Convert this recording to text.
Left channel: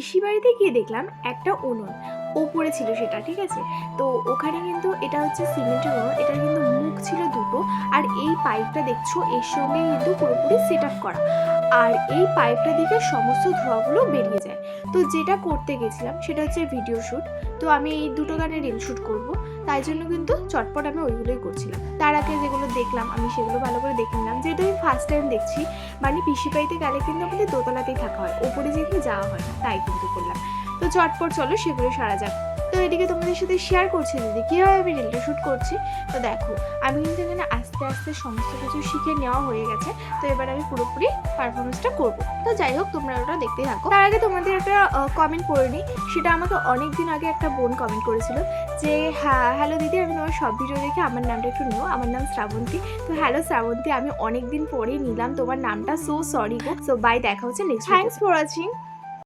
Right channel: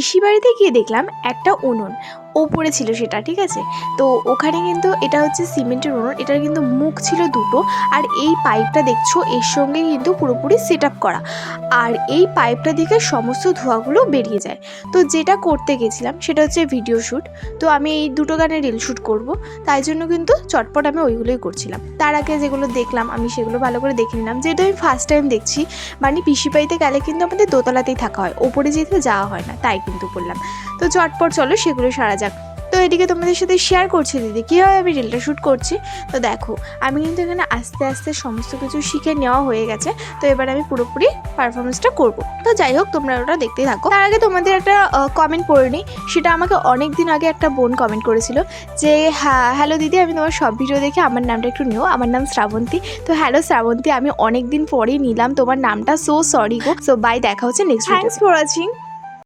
পিসি বাড়িতে গিয়ে দেখলাম একটা উনুন ওপরে ছিল সেটা, ঠিক আছে। তো ওখানে কিন্তু এটা হচ্ছে সিমেন্টের উনুন, এটার কিন্তু মুখ ছিল দুটো, আর এই পাইপটা দেখছো এর সঙ্গে কিন্তু পুরোপুরি সেট আপ করা, আর এই পাইপটা থেকে সমস্ত ধোঁয়াগুলো বেরিয়ে যায়। তো যেটা করতে গেছিলাম সেটা হচ্ছে ভিডিও শ্যুট। তো আমি এই দুটো গানে রিল শ্যুট করব, তাই জন্য কিন্তু চটপট আমি ওইগুলোই করছিলাম। তার আগে যেগুলো দেখলাম আমি সেগুলো ভালো করে দেখে নিলাম, যেহেতু আমি ফার্স্ট টাইম দেখছি। মানে পিসি বাড়িতে গেলে কিন্তু আমাদের দোতলাতেই থাকা হয়, ওপরে যেতে যাওয়া হয় না, তাই কিন্তু করলাম। তো চটপট চলো সেগুলো সারা যাক। তো এদিকে তোমাদের সাথে শেয়ার করছি দিদি কীভাবে আমি রিলটা শ্যুট করছি। তো দেখো আমি কিন্তু এখানে আস্তে আস্তে সমস্ত কিছু শিখে নেওয়া হয়ে গেছে। তো এবার আমি পুরোপুরি পারফরমেন্সটা করব। তো যাই হোক, তোমরা ওটা দেখতেই থাকো। তার আগে তোমাদের একটা কমেন্ট পড়ে নিই। সেটা আমাকে অনেক দিন আগে একটা বোন কমেন্ট করেছিল যে, হ্যাঁ হ্যালো দিদি, আমি তোমার সব ভিডিও দেখে আমার নামটা একটু নিও, আমার নাম শ্রাবন্তী। তো হ্যালো শ্রাবন্তী, আমি অনেক দিন পরেই নিলাম তোমার নামটা, সো সরি গো। সো বাই, দেখা হচ্ছে নেক্সট। Thanks for watching.